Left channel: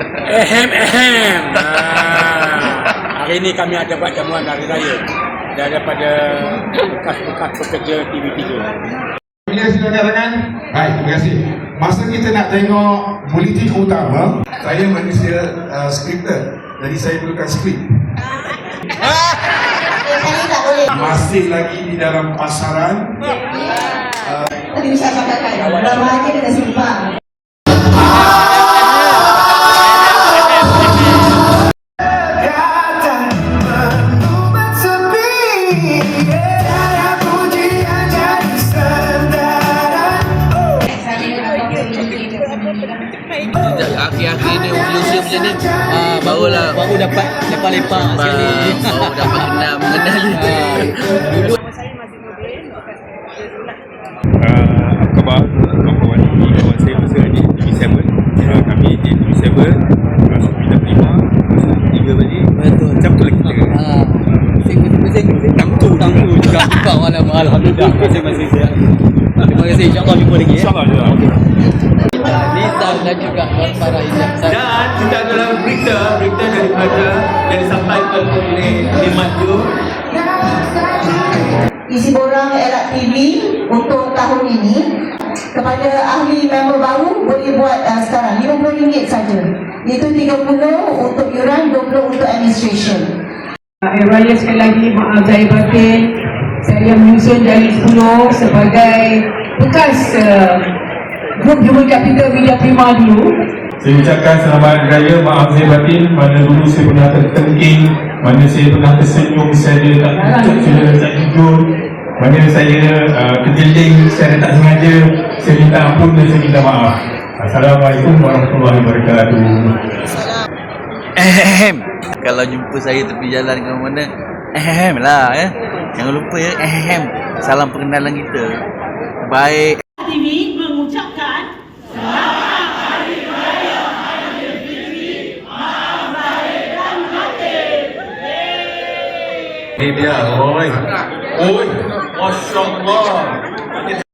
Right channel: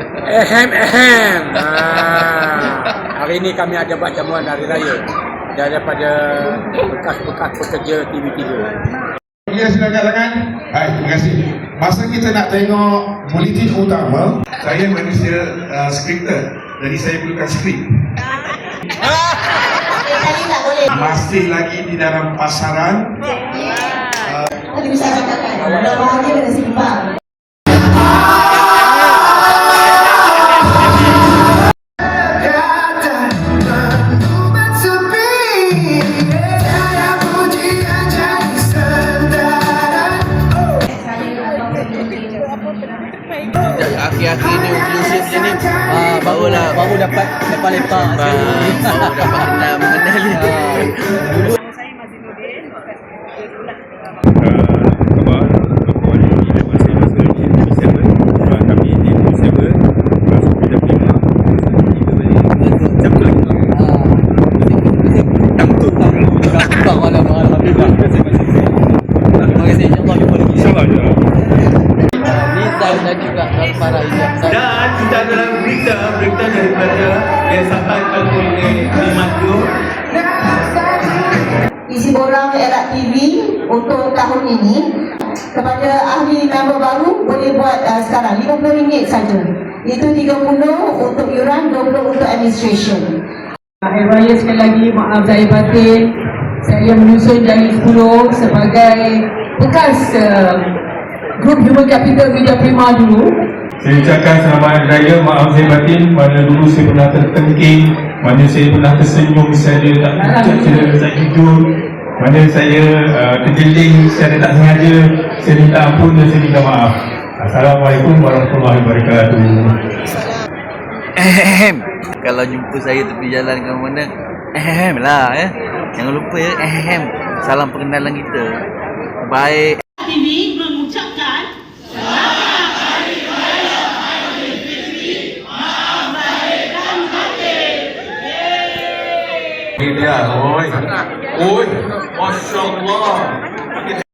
Ahem. Hari ini kami ada buat jamuan hari raya daripada bekas-bekas pekerja TV3. Bila silakan rakan. Baik, terima kasih. Masa kita nak tengok bulletin utama, saya manusia skripter. Jadi saya perlukan skrip. Masih lagi di dalam pasaran. Tadi bisa katakan, bahagia dengan simpang. Akhir-akhir ni usia macam ni baru dapat lepak sekali, baru dapat kenal mengenali. Dulu Saya masih modern bekas kerja ulat. Khabar kawan ini kawan saya masa di TV7, kami di TV7 masuk pindah prima, masuk tiga balik. betul. Campur lagi je. Masih tampu juga alhamdulillah masih sihat. Terima kasih, insyaAllah jumpa lagi. InsyaAllah je. Nizam dan juga Tuan Farah Ijaz. Dan kita adalah berita daripada yang disampaikan oleh Limat Tu. Isi borang Elak TV untuk tahun ini kepada ahli member baru boleh buat sekarang RM50 saja. Itu 30 untuk yuran, 20 untuk administration. Hari Raya sekali lagi, maaf zahir batin. Saya menyusun Jari 10 sebagai bekas grup Human Capital Media Prima dulu. Saya ucapkan selamat raya, maaf saya batin. Mana dulu saya pernah tertengking, mana saya pernah tersenyum, saya tak pucat, saya tak jujur, mana saya terjeling, saya tak sengaja. Saya minta ampun dan saya minta maaf. Assalamualaikum warahmatullahi wabarakatuh. Kalau jumpa saya tepi jalan ke mana, lah ya. Jangan lupa ya, salam perkenalan kita. Baik. TV mengucapkan Ini dia, oi. Oi, Masya Allah.